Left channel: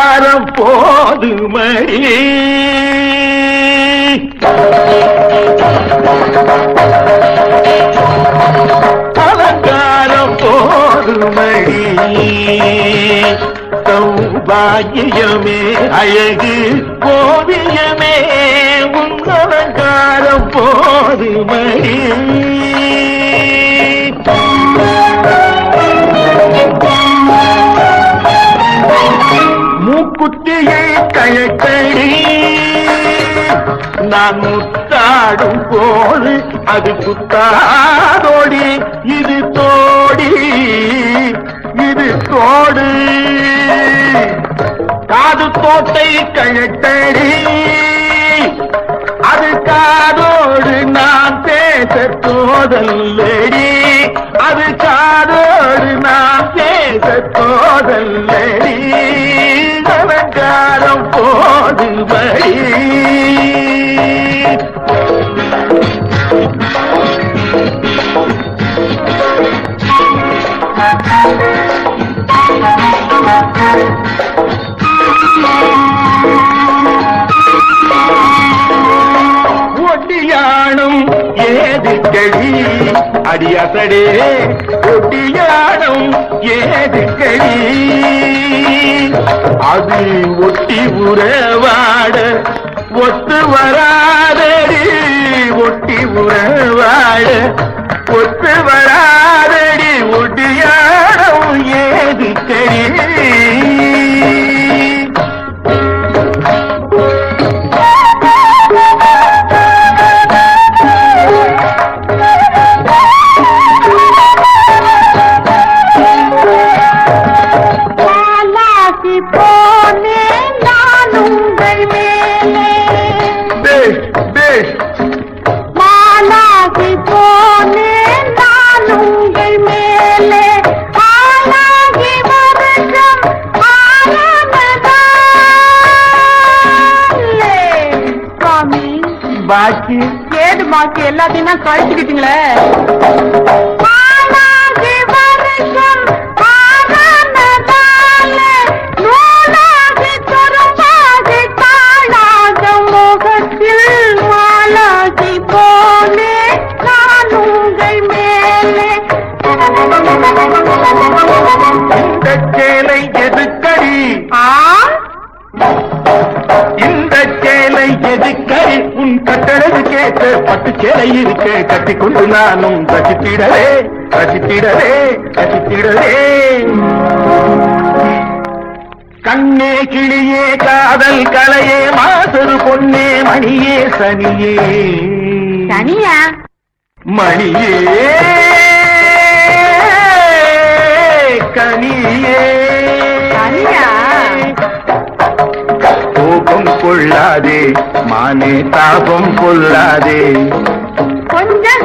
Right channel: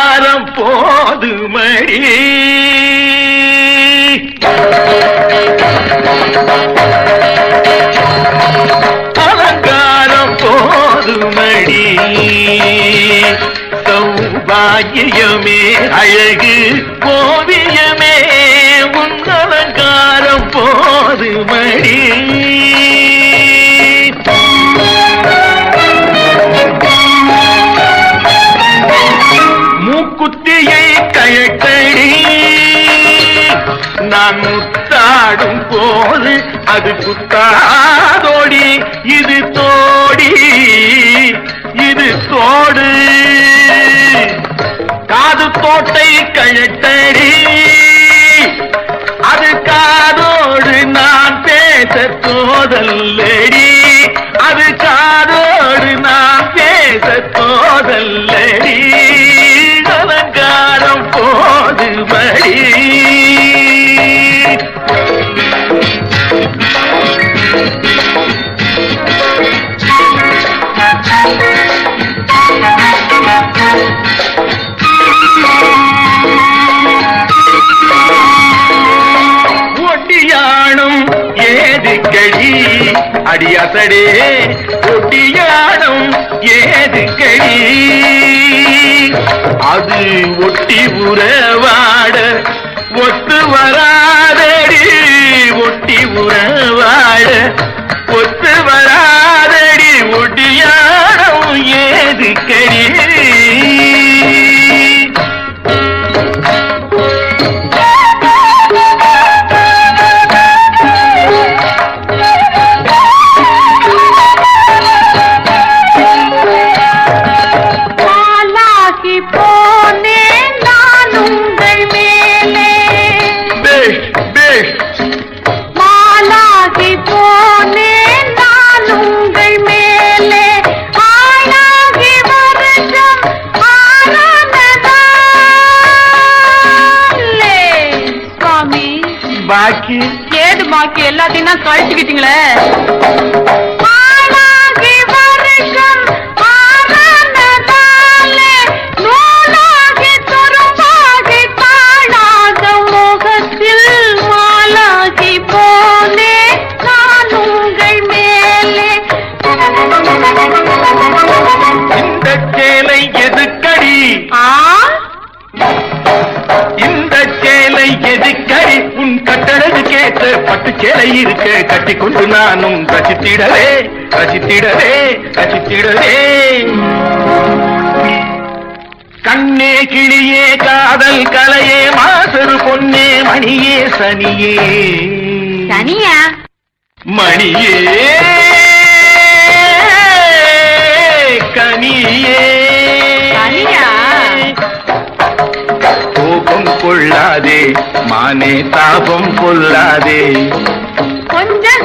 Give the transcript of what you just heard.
அலங்காரம் போதுமடி அலங்காரம் போதுமடி சௌபாகியமே அழகு ஓவியமே உன் அலங்காரம் போதுமடி மூக்குத்தியை கழட்டடி நான் முத்தாடும் போது அது குத்தாதோடி இது தோடி இது தோடு காது தோட்டை கழட்டடி அது காதோடு நான் பேச தோதல்லடி அது காதோடு நான் பேச தோதல்லடி அலங்காரம் போதுமடி ஒட்டியானம் ஏதுக்கடி அடியசடே ஒட்டியானம் ஏதுக்கடி அது ஒட்டி உறவாட ஒத்து வராதடி ஒட்டி உறவாட ஒத்து வராதடி ஒட்டியானம் ஏதுக்கடி பாக்கி ஏது பாக்கி எல்லாத்தையும் தான் கழிச்சுக்கிட்டீங்களே இந்த சேலை எதுக்கடி இந்த சேலை எதுக்கடி உன் கட்டழகு கேட்ட பட்டு சேலை இருக்க கட்டிக்கொண்டு நானும் ரசித்திடவே ரசித்திடவே ரசித்திடவே கண்ணே கிளியே காதல் கலையே மாசரு பொன்னே மணியே சனியே சனியா மணியே கனியே சனியா கோபம் கொள்ளாதே மானே தாபம் கொள்ளாதே கொஞ்சம்